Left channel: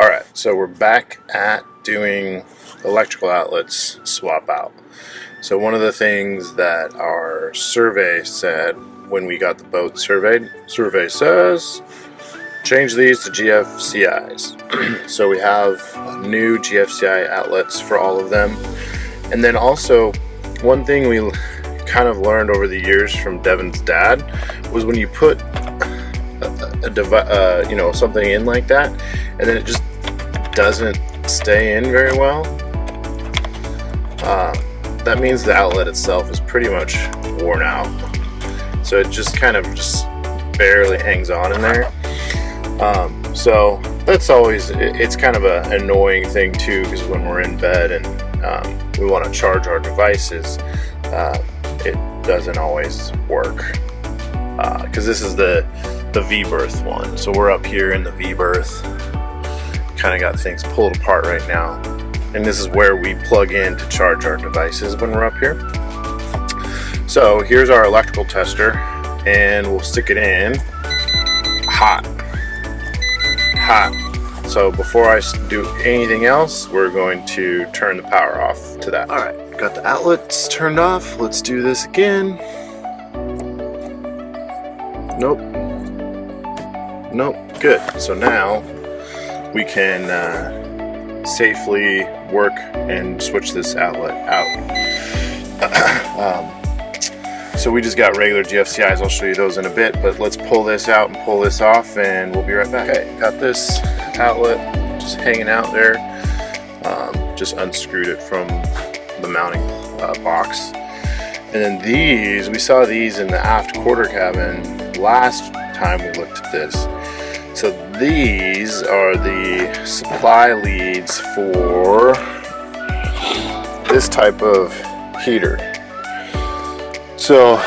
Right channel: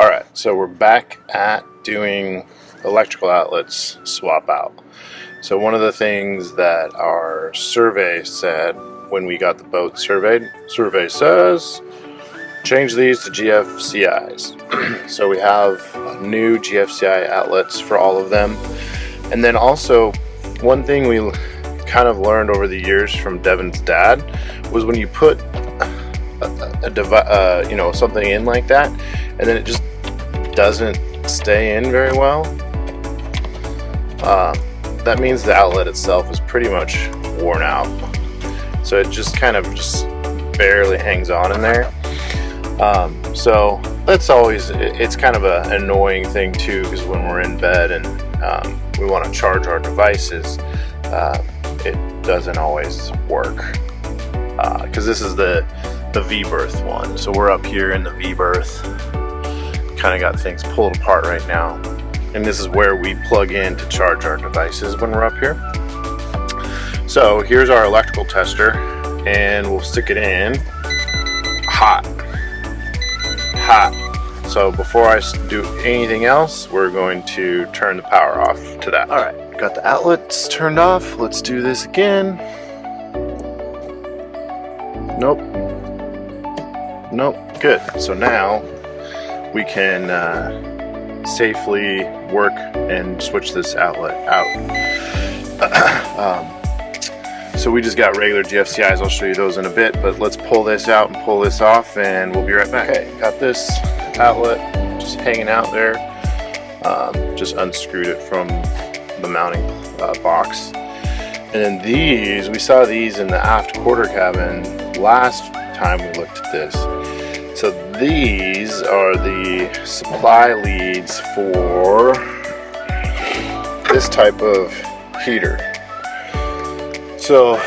Alright, so we're back at doing electrical outlets swap out. So one of the things that our survey said when we got the boat surveyed, survey says change these to GFCIs. So we have new GFCI outlets for all of them. And then also, one thing we kind of learned over the years from Devin's dad was when you put something in like that, and then it just doesn't stay in very well, that means the outlet itself is pretty much worn out. So it just kind of just barely hangs on in there. So that's always, it's kind of an annoying thing too, because when we're in bed and we want to charge our devices, it doesn't always work, because this is the V-berth one. So we're up here in the V-berth, kind of got things pulled apart right now, and this is where we plug in to charge our devices when we're up here. So here's our electrical tester, and we'll stick it in hot. So before I do anything else, we're going to turn the power off to that. All right, got the outlets turned off. Let's do this again. Nope, good. So now we can safely work and switch this outlet out. So we just got regular GFCIs. I'll show you those in a bit, but let's pull this out and pull this off, and we'll be right back. Okay, got this outlet just hanging out there. Just unscrewed it from the mounting box. And then these, we saw these in the aft quarter cabin last time we looked at this. So these are the supply leads for this type of heater. So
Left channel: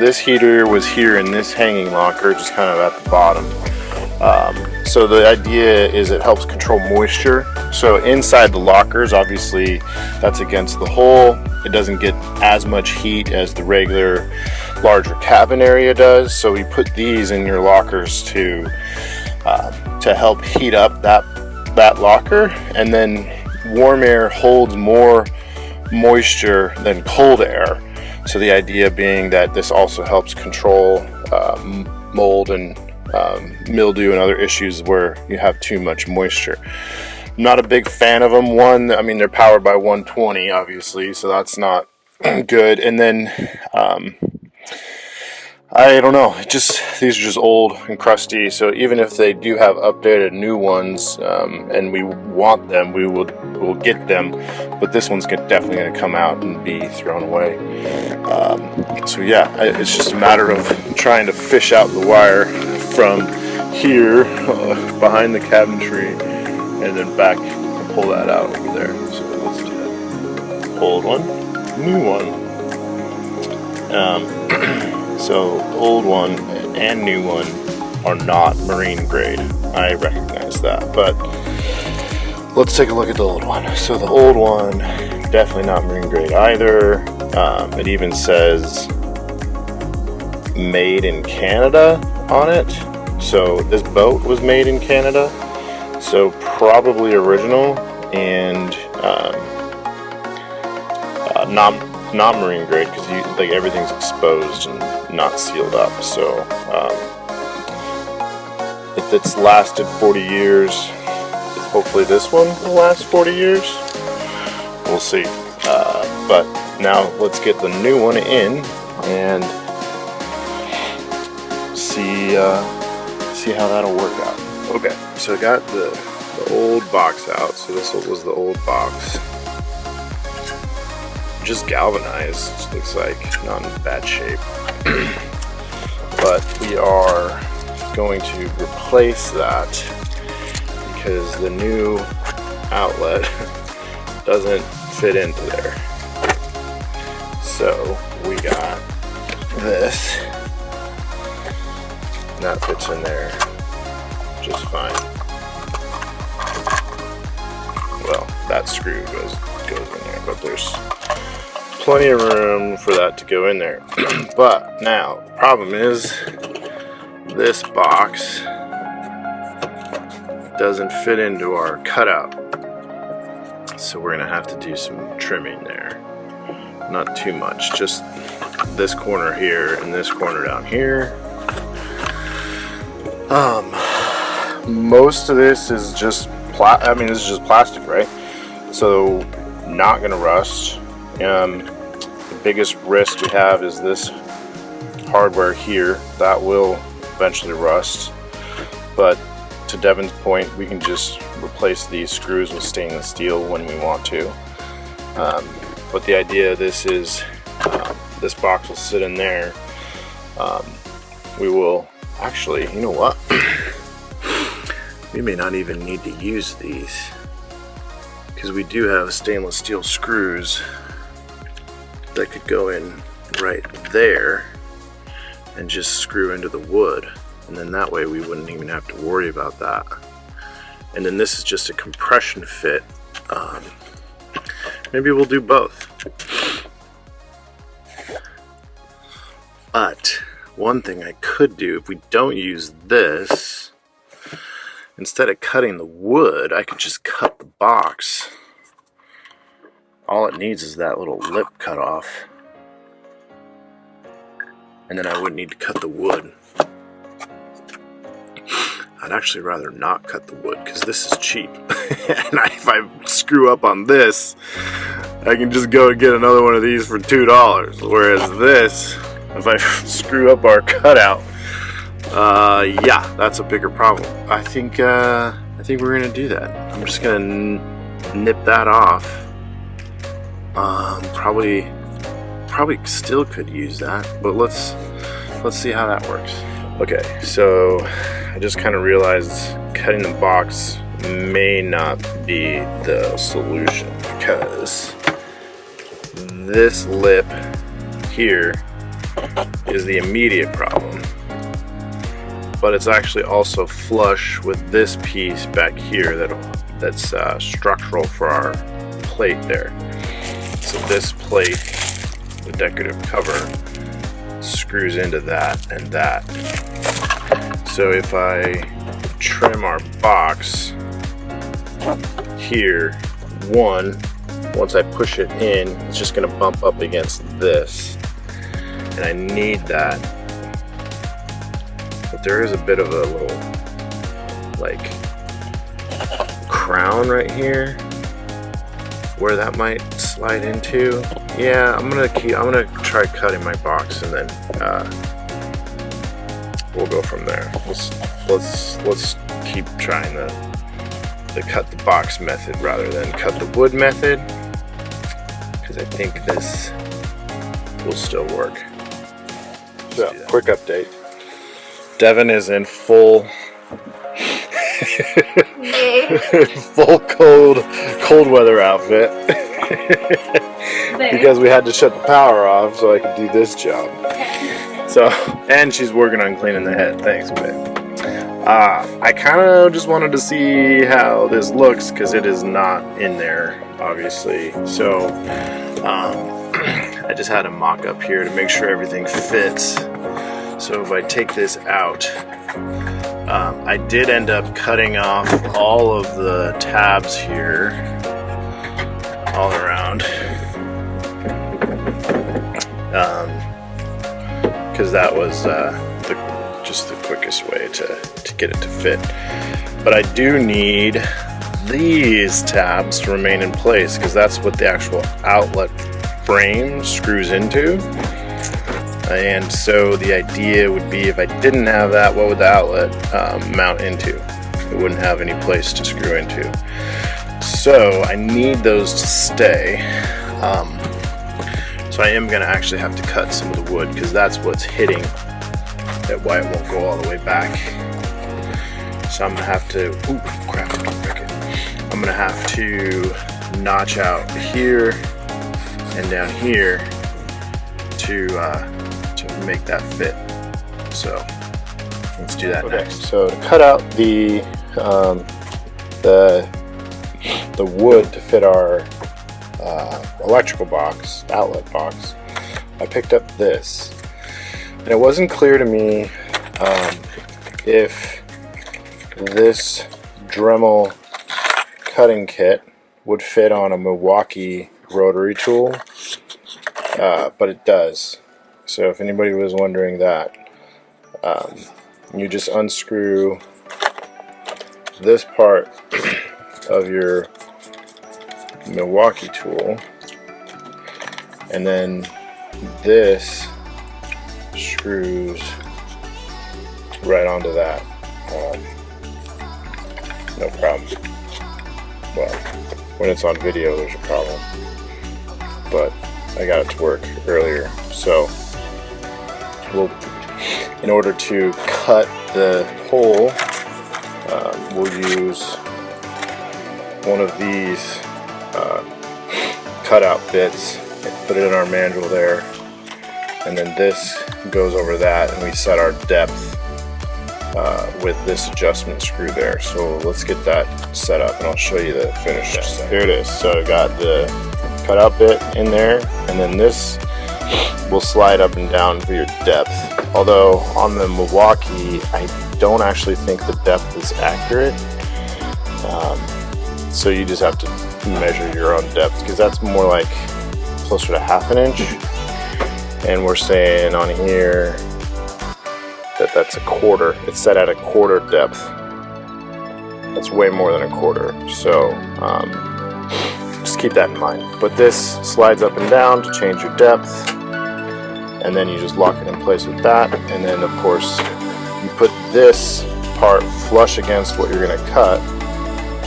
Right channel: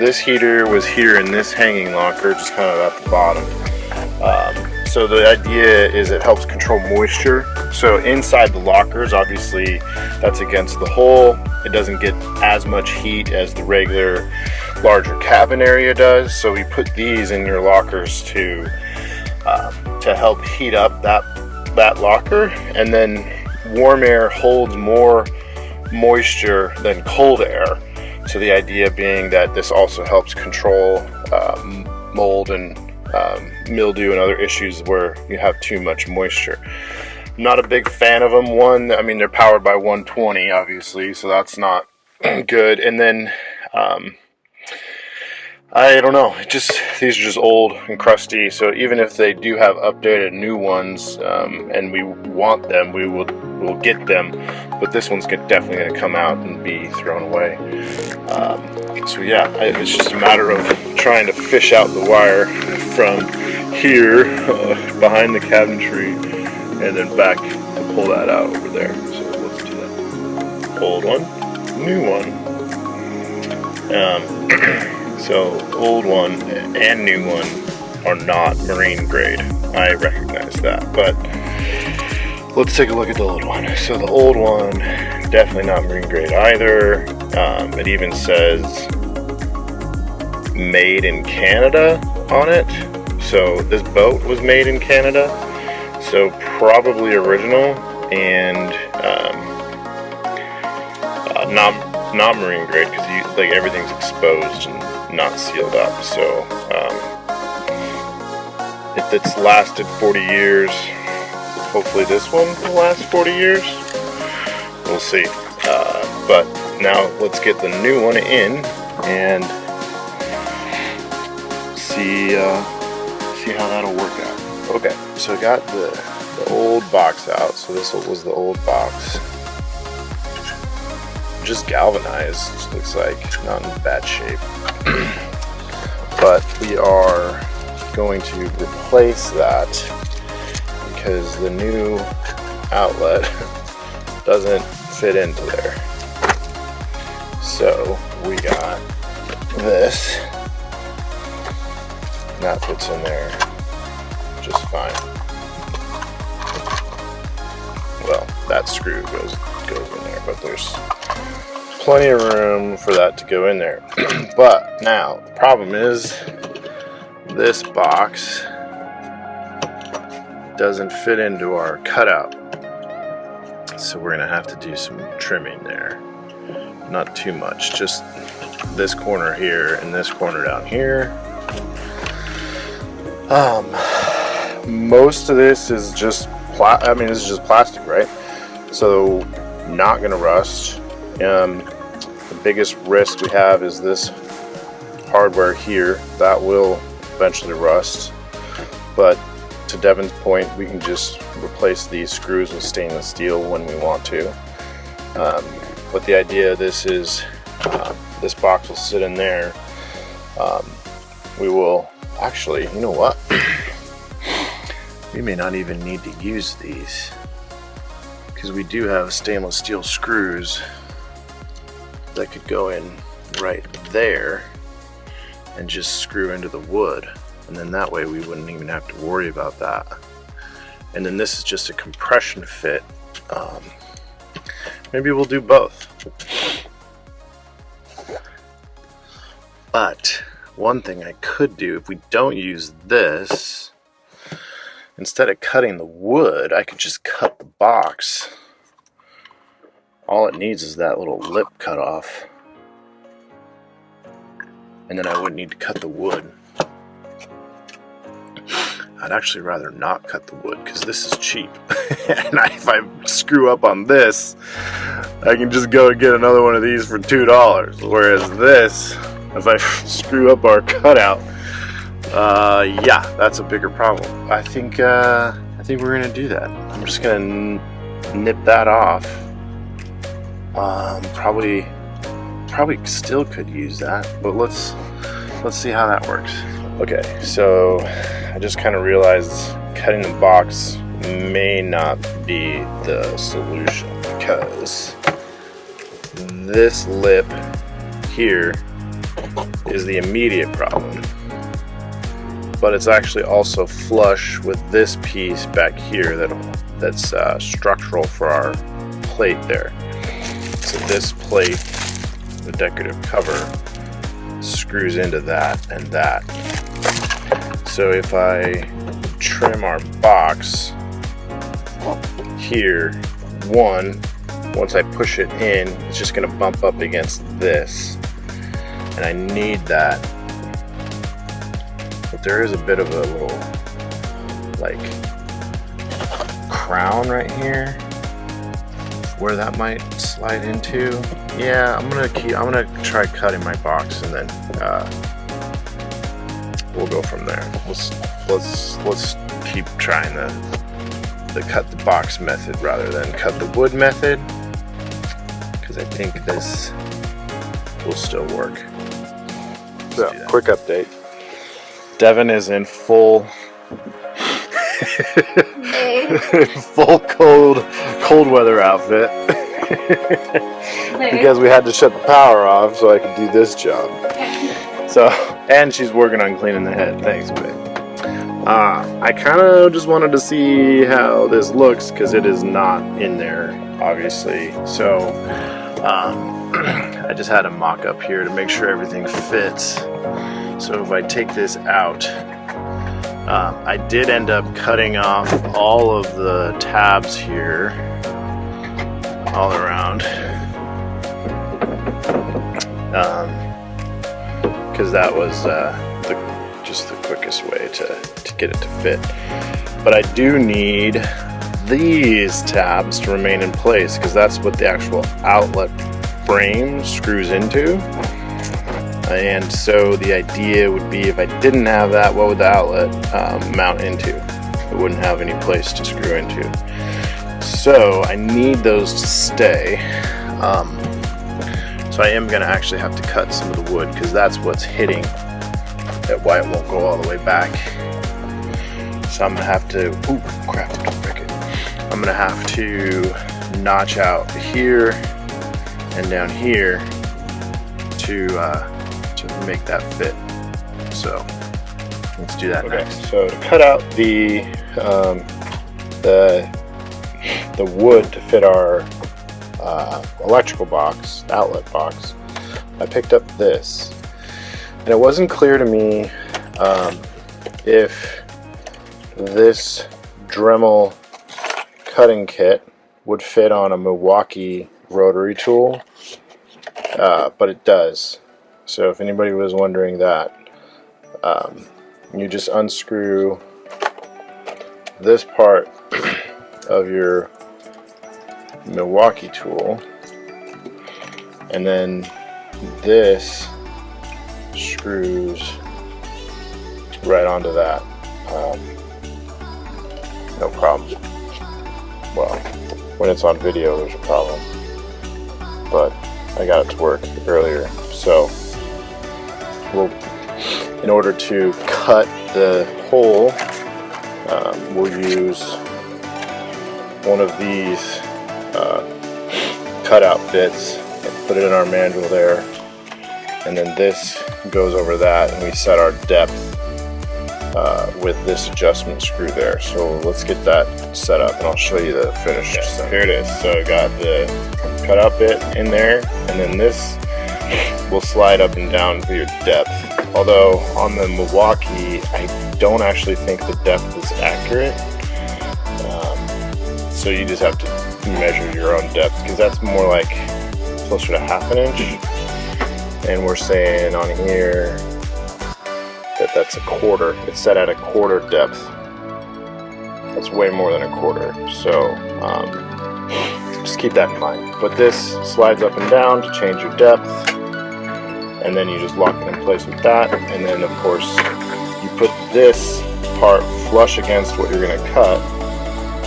this heater was here in this hanging locker, just kind of at the bottom. So the idea is it helps control moisture. So inside the lockers, obviously that's against the hull. It doesn't get as much heat as the regular larger cabin area does. So we put these in your lockers to help heat up that locker, and then warm air holds more moisture than cold air. So the idea being that this also helps control mold and mildew and other issues where you have too much moisture. I'm not a big fan of them. I mean, they're powered by 120, obviously, so that's not good. And then I don't know, these are just old and crusty, so even if they do have updated new ones, and we want them, we'll get them, but this one's definitely going to come out and be thrown away. So yeah, it's just a matter of trying to fish out the wire from here behind the cabinetry, and then back to pull that out over there. So let's do that. Old one, new one. So old one and new one are not marine grade. I recognize that, but let's take a look at the old one. So the old one, definitely not marine grade either. It even says made in Canada on it. So this boat was made in Canada, so probably original, and not marine grade, because everything's exposed and not sealed up. So if it's lasted 40 years, hopefully this one will last 40 years. We'll see. But now let's get the new one in and see how that'll work out. Okay, so I got the old box out. So this was the old box. Just galvanized, looks like, not in bad shape. But we are going to replace that because the new outlet doesn't fit into there. So we got this, and that fits in there just fine. Well, that screw goes in there, but there's plenty of room for that to go in there. But now the problem is this box doesn't fit into our cutout. So we're gonna have to do some trimming there. Not too much, just this corner here and this corner down here. Most of this is just this is just plastic, right? So not gonna rust. The biggest risk we have is this hardware here. That will eventually rust, but to Devin's point, we can just replace these screws with stainless steel when we want to. But the idea of this is this box will sit in there. We will actually, you know what? We may not even need to use these because we do have stainless steel screws that could go in right there and just screw into the wood, and then that way we wouldn't even have to worry about that. And then this is just a compression fit. Maybe we'll do both. But one thing I could do, if we don't use this, instead of cutting the wood, I could just cut the box. All it needs is that little lip cut off, and then I wouldn't need to cut the wood. I'd actually rather not cut the wood because this is cheap. And if I screw up on this, I can just go and get another one of these for $2. Whereas this, if I screw up our cutout, yeah, that's a bigger problem. I think we're gonna do that. I'm just gonna nip that off. Probably still could use that, but let's see how that works. Okay, so I just kind of realized cutting the box may not be the solution because this lip here is the immediate problem, but it's actually also flush with this piece back here that's structural for our plate there. So this plate, the decorative cover, screws into that and that. So if I trim our box here, once I push it in, it's just going to bump up against this, and I need that. But there is a bit of a little like crown right here where that might slide into. Yeah, I'm gonna try cutting my box, and then we'll go from there. Let's keep trying the cut the box method rather than cut the wood method, because I think this will still work. So, quick update. Devin is in full full cold weather outfit because we had to shut the power off so I could do this job. So, and she's working on cleaning the head. Thanks, babe. I kind of just wanted to see how this looks because it is not in there, obviously. So, I just had a mock up here to make sure everything fits. So if I take this out, I did end up cutting off all of the tabs here, all around, because that was just the quickest way to get it to fit. But I do need these tabs to remain in place because that's what the actual outlet frame screws into. And so the idea would be, if I didn't have that, what would the outlet mount into? It wouldn't have any place to screw into. So I need those to stay. So I am going to actually have to cut some of the wood because that's what's hitting, that why it won't go all the way back. So I'm going to have to, ooh, crap, don't break it. I'm going to have to notch out here and down here to make that fit. So let's do that next. So to cut out the wood to fit our electrical box, outlet box, I picked up this, and it wasn't clear to me if this Dremel cutting kit would fit on a Milwaukee rotary tool, but it does. So if anybody was wondering that, you just unscrew this part of your Milwaukee tool, and then this screws right onto that. No problem. Well, when it's on video there's a problem, but I got it to work earlier. So in order to cut the hole, we'll use one of these cutout bits and put it in our mandrel there, and then this goes over that, and we set our depth with this adjustment screw there. So let's get that set up and I'll show you the finished set. Here it is. So I got the cutout bit in there, and then this will slide up and down for your depth. Although on the Milwaukee, I don't actually think the depth is accurate. So you just have to measure your own depth, because that's more like closer to 1/2 inch. And we're saying on here that that's 1/4. It's set at 1/4 depth. That's way more than 1/4. So just keep that in mind. But this slides up and down to change your depth, and then you just lock it in place with that. And then of course you put this part flush against what you're going to cut,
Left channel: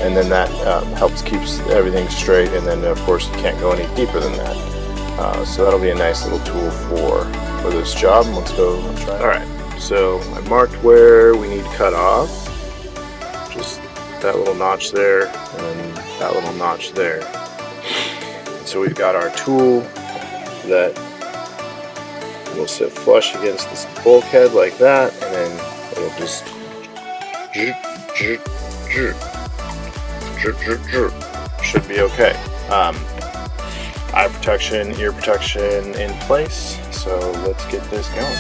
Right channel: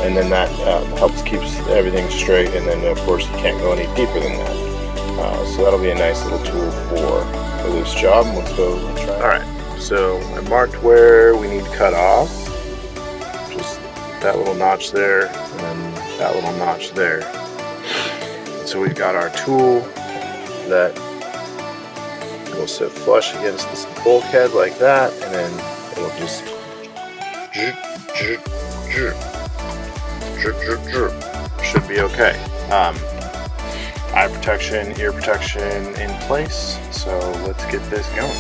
and then that helps keeps everything straight. And then of course you can't go any deeper than that. So that'll be a nice little tool for this job. Let's go try it. Alright, so I marked where we need cut off. Just that little notch there, and then that little notch there. So we've got our tool that will sit flush against this bulkhead like that, and then it'll just should be okay. Eye protection, ear protection in place. So let's get this going.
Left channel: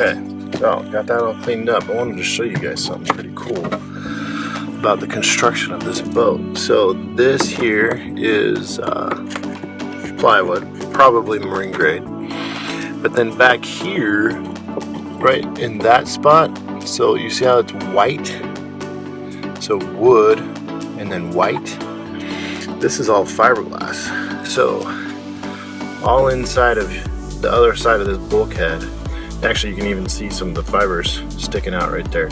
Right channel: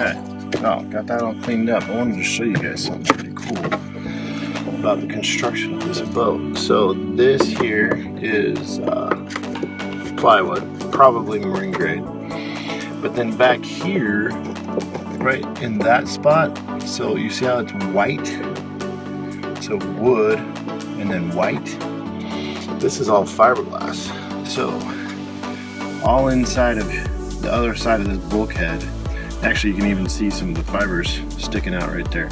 Okay, so got that all cleaned up. I wanted to show you guys something pretty cool about the construction of this boat. So this here is plywood, probably marine grade. But then back here, right in that spot, so you see how it's white? So wood and then white. This is all fiberglass. So all inside of the other side of this bulkhead, actually you can even see some of the fibers sticking out right there.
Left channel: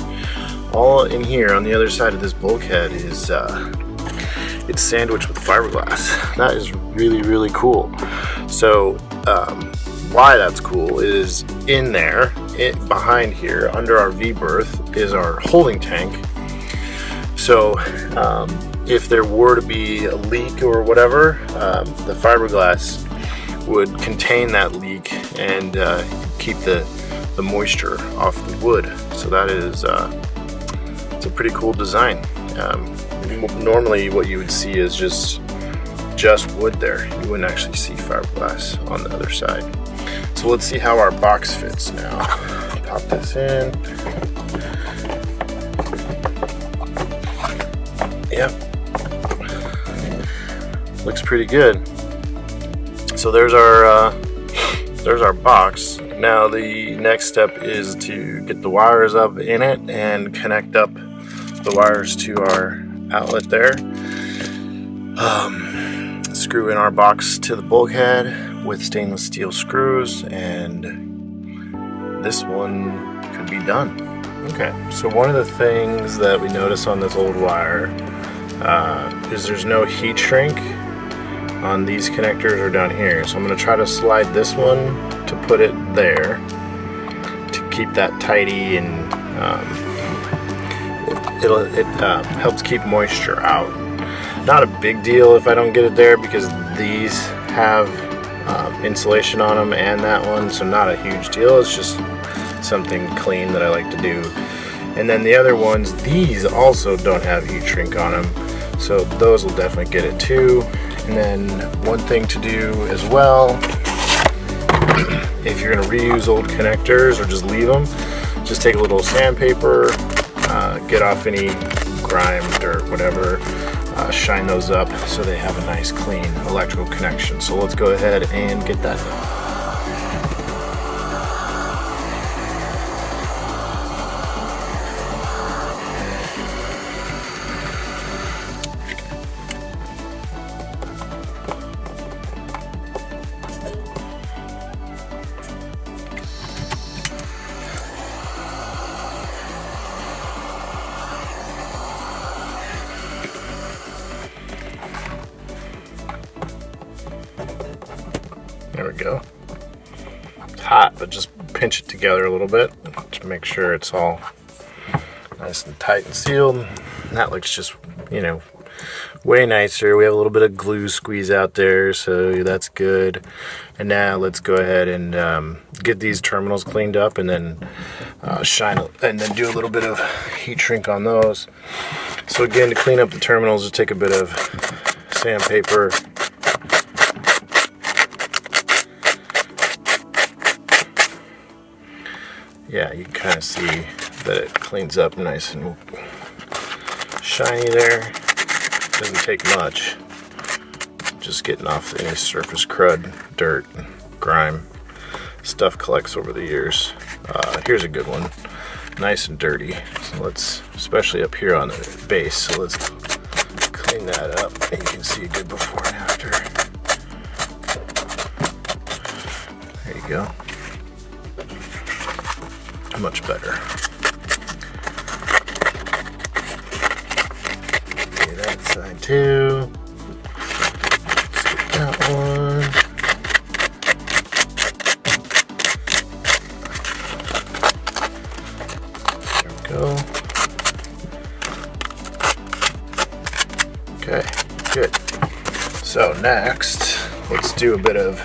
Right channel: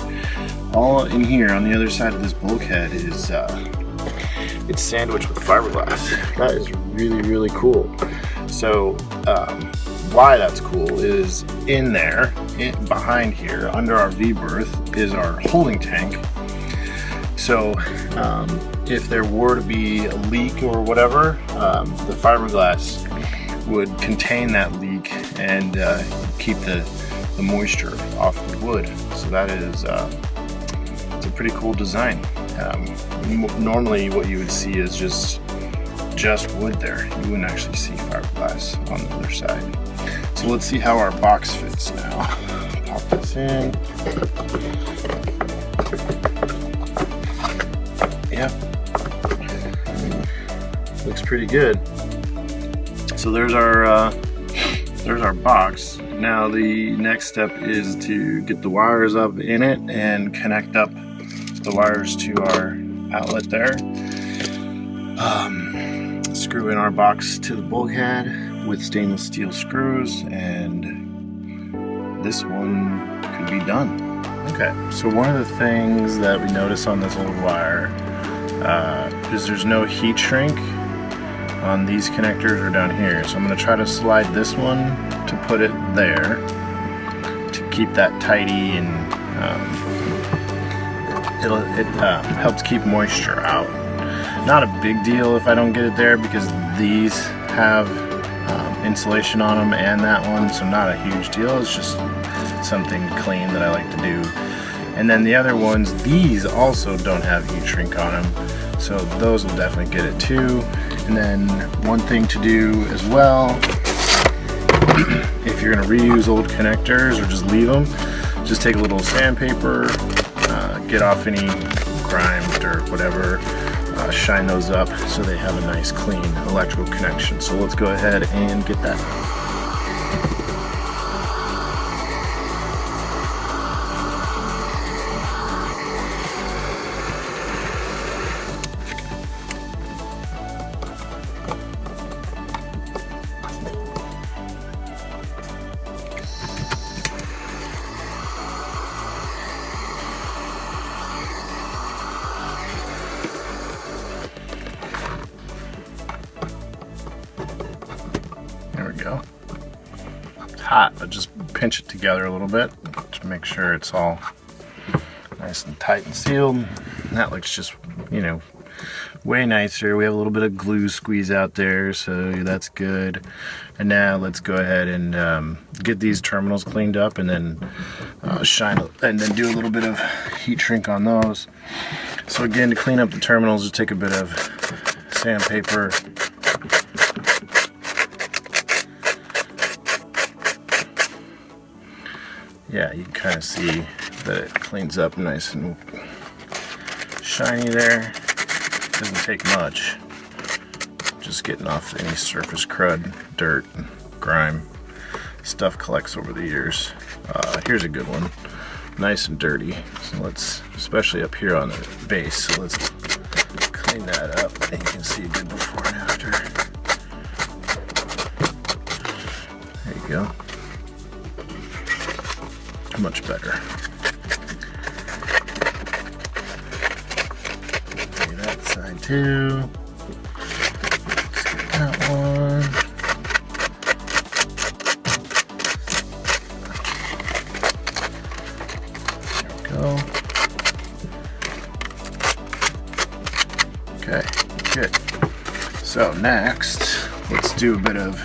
All in here on the other side of this bulkhead is it's sandwiched with fiberglass. That is really, really cool. So why that's cool is in there, behind here, under our V-berth, is our holding tank. So if there were to be a leak or whatever, the fiberglass would contain that leak and keep the moisture off the wood. So that is it's a pretty cool design. Normally what you would see is just wood there. You wouldn't actually see fiberglass on the other side. So let's see how our box fits now. Pop this in. Yep. Looks pretty good. So there's our box. Now the next step is to get the wires up in it and connect up the wires to our outlet there. Screw in our box to the bulkhead with stainless steel screws, and this one could be done. Okay, so one of the things that we notice on this old wire is there's no heat shrink on these connectors or down here. So I'm going to try to slide this one to put it there to keep that tidy, and it helps keep moisture out. Not a big deal if I don't get it there, because these have insulation on them and that one, so not a huge deal. It's just something clean that I like to do. And then the other ones, these also don't have heat shrink on them, so those will definitely get it too. And then one thing to do as well, if you're going to reuse old connectors or just leave them, just take a little sandpaper, get off any grime, dirt, whatever, shine those up so they have a nice clean electrical connection. So let's go ahead and get that done. There we go. It's hot, but just pinch it together a little bit to make sure it's all nice and tight and sealed. And that looks just, you know, way nicer. We have a little bit of glue squeeze out there, so that's good. And now let's go ahead and get these terminals cleaned up, and then and then do a little bit of heat shrink on those. So again, to clean up the terminals, just take a bit of sandpaper. Yeah, you can kind of see that it cleans up nice and shiny there. Doesn't take much. Just getting off any surface crud, dirt, grime. Stuff collects over the years. Here's a good one. Nice and dirty. So let's, especially up here on the base, so let's clean that up, and you can see a good before and after. There you go. Much better. Okay, that side too. Let's get that one. There we go. Okay, good. So next, let's do a bit of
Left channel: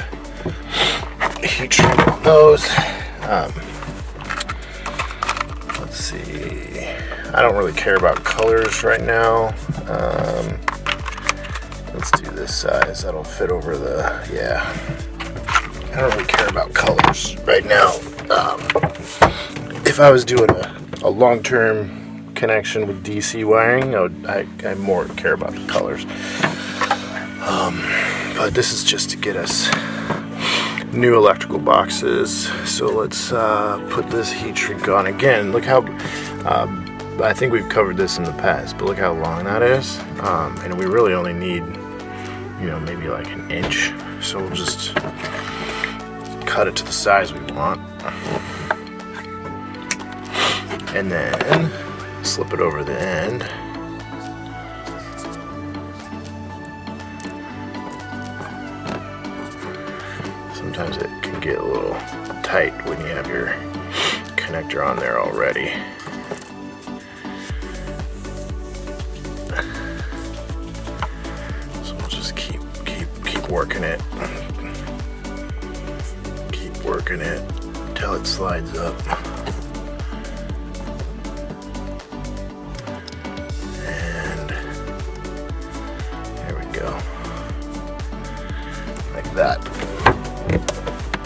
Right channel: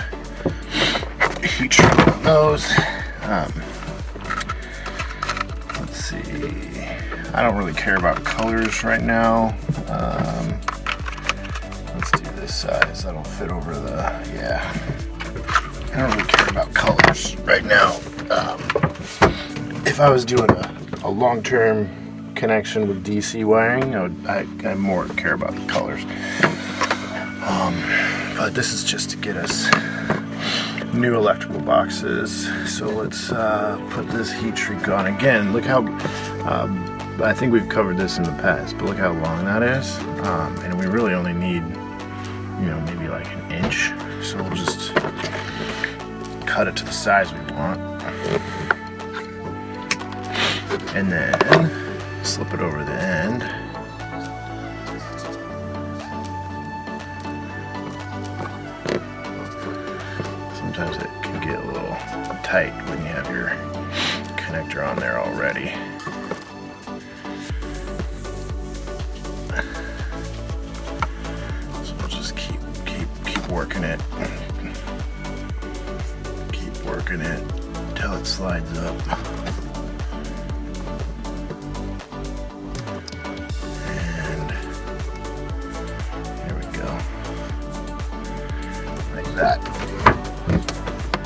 heat treatment on those. Let's see. I don't really care about colors right now. Let's do this size. That'll fit over the, yeah. I don't really care about colors right now. If I was doing a long-term connection with DC wiring, I more care about the colors. But this is just to get us new electrical boxes. So let's put this heat shrink on again. Look how I think we've covered this in the past, but look how long that is. And we really only need, you know, maybe like an inch. So we'll just cut it to the size we want, and then slip it over the end. Sometimes it can get a little tight when you have your connector on there already. So we'll just keep working it. Keep working it until it slides up. And there we go. Like that.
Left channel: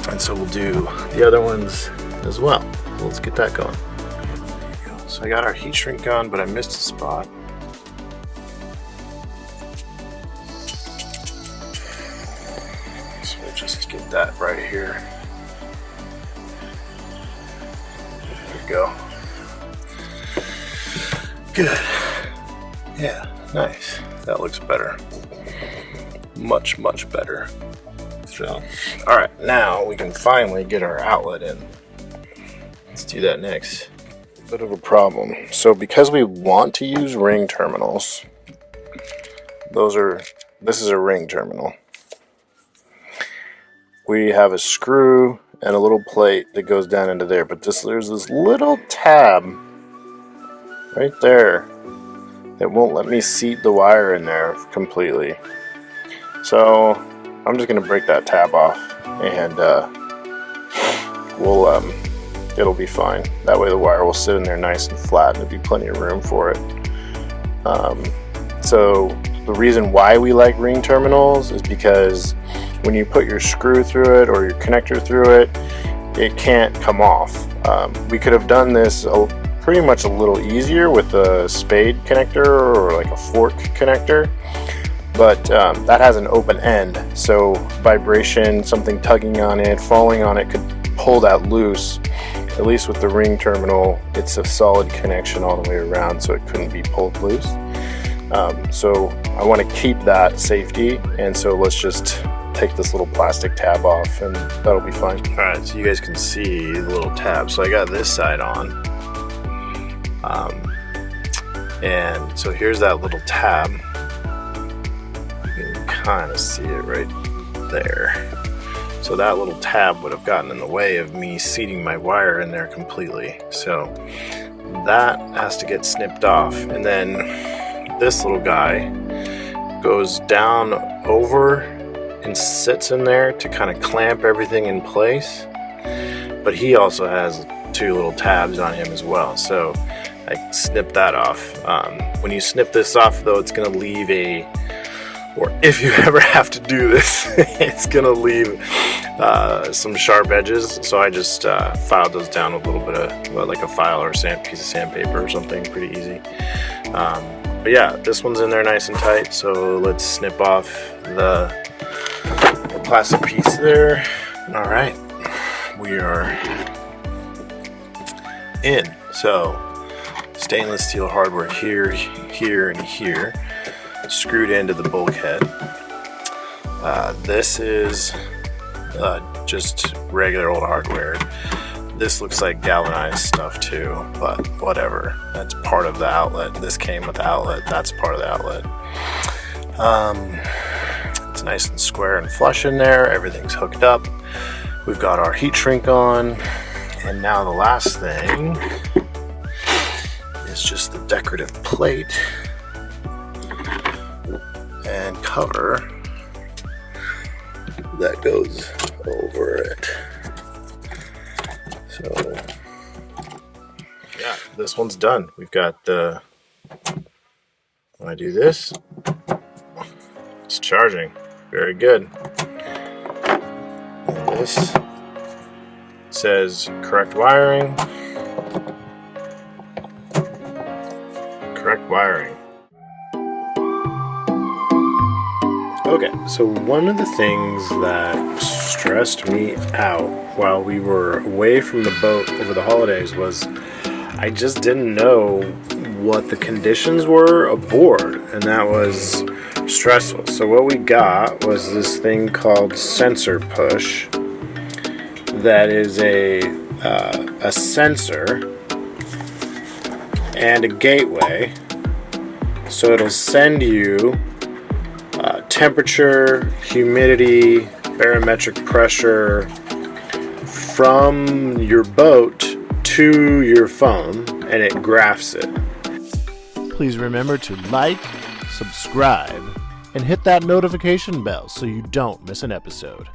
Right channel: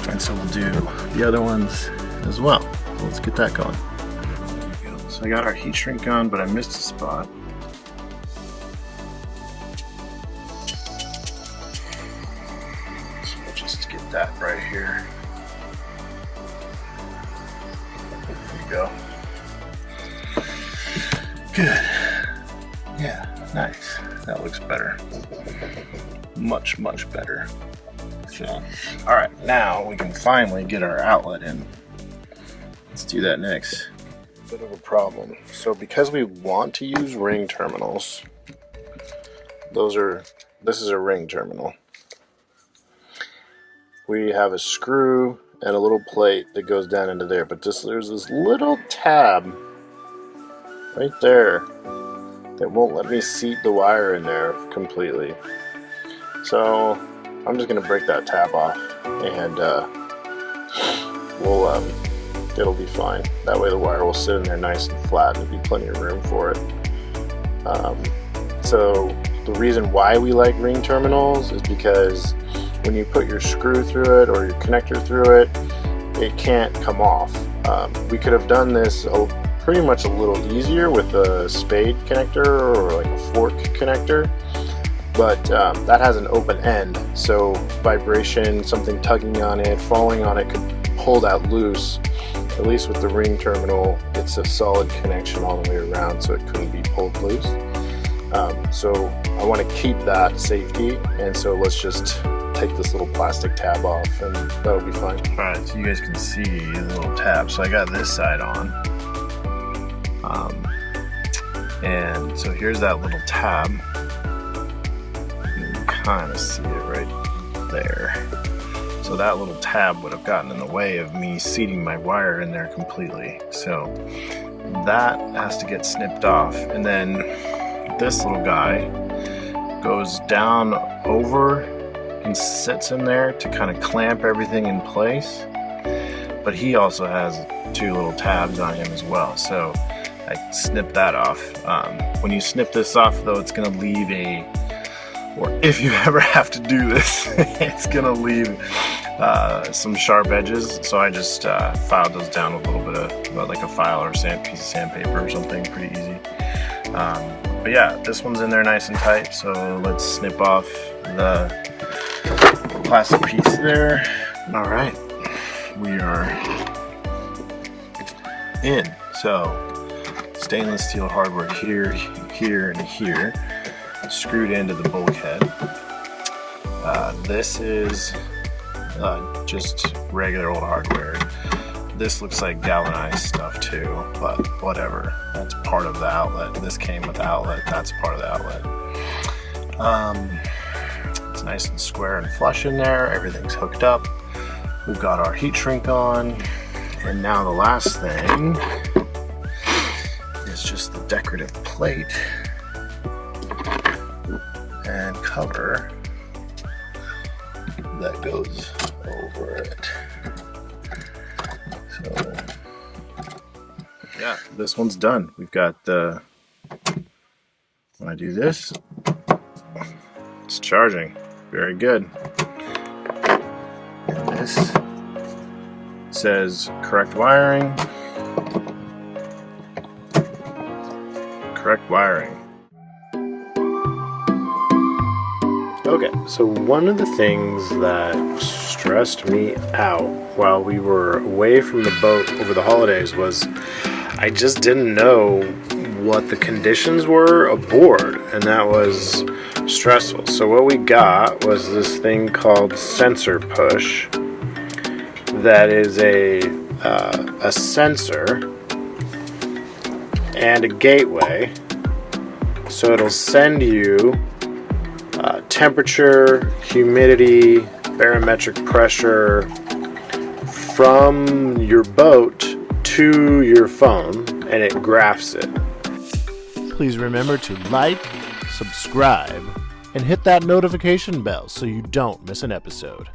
And so we'll do the other ones as well. So let's get that going. There you go. So I got our heat shrink on, but I missed a spot. So we'll just get that right here. There we go. Good. Yeah, nice. That looks better. Much, much better. So, all right, now we can finally get our outlet in. Let's do that next. Bit of a problem. So because we want to use ring terminals, this is a ring terminal. We have a screw and a little plate that goes down into there, but there's this little tab right there that won't let me seat the wire in there completely. So I'm just going to break that tab off, and it'll be fine. That way the wire will sit in there nice and flat, and there'll be plenty of room for it. So the reason why we like ring terminals is because when you put your screw through it or your connector through it, it can't come off. We could have done this pretty much a little easier with a spade connector or like a fork connector, but that has an open end, so vibration, something tugging on it, falling on it could pull that loose. At least with the ring terminal, it's a solid connection all the way around, so it couldn't be pulled loose. So I want to keep that safety, and so let's just take this little plastic tab off, and that'll be fine. Alright, so you guys can see the little tab. So I got this side on, and so here's that little tab. You can kind of see it right there. So that little tab would have gotten in the way of me seating my wire in there completely. So that has to get snipped off, and then this little guy goes down over and sits in there to kind of clamp everything in place, but he also has two little tabs on him as well, so I snipped that off. When you snip this off though, it's going to leave or if you ever have to do this, it's going to leave some sharp edges, so I just filed those down with a little bit of like a file or piece of sandpaper or something, pretty easy. But yeah, this one's in there nice and tight, so let's snip off the plastic piece there. All right, we are in. So stainless steel hardware here, here, and here, screwed into the bulkhead. This is just regular old hardware. This looks like galvanized stuff too, but whatever. That's part of the outlet. This came with the outlet. That's part of the outlet. It's nice and square and flush in there. Everything's hooked up. We've got our heat shrink on. And now the last thing is just the decorative plate and cover that goes over it. So yeah, this one's done. We've got when I do this, it's charging. Very good. And this says correct wiring. Correct wiring. Okay, so one of the things that stressed me out while we were away from the boat over the holidays was I just didn't know what the conditions were aboard, and that was stressful. So what we got was this thing called sensor push that is a sensor and a gateway. So it'll send you temperature, humidity, barometric pressure from your boat to your phone, and it graphs it. Please remember to like, subscribe, and hit that notification bell so you don't miss an episode.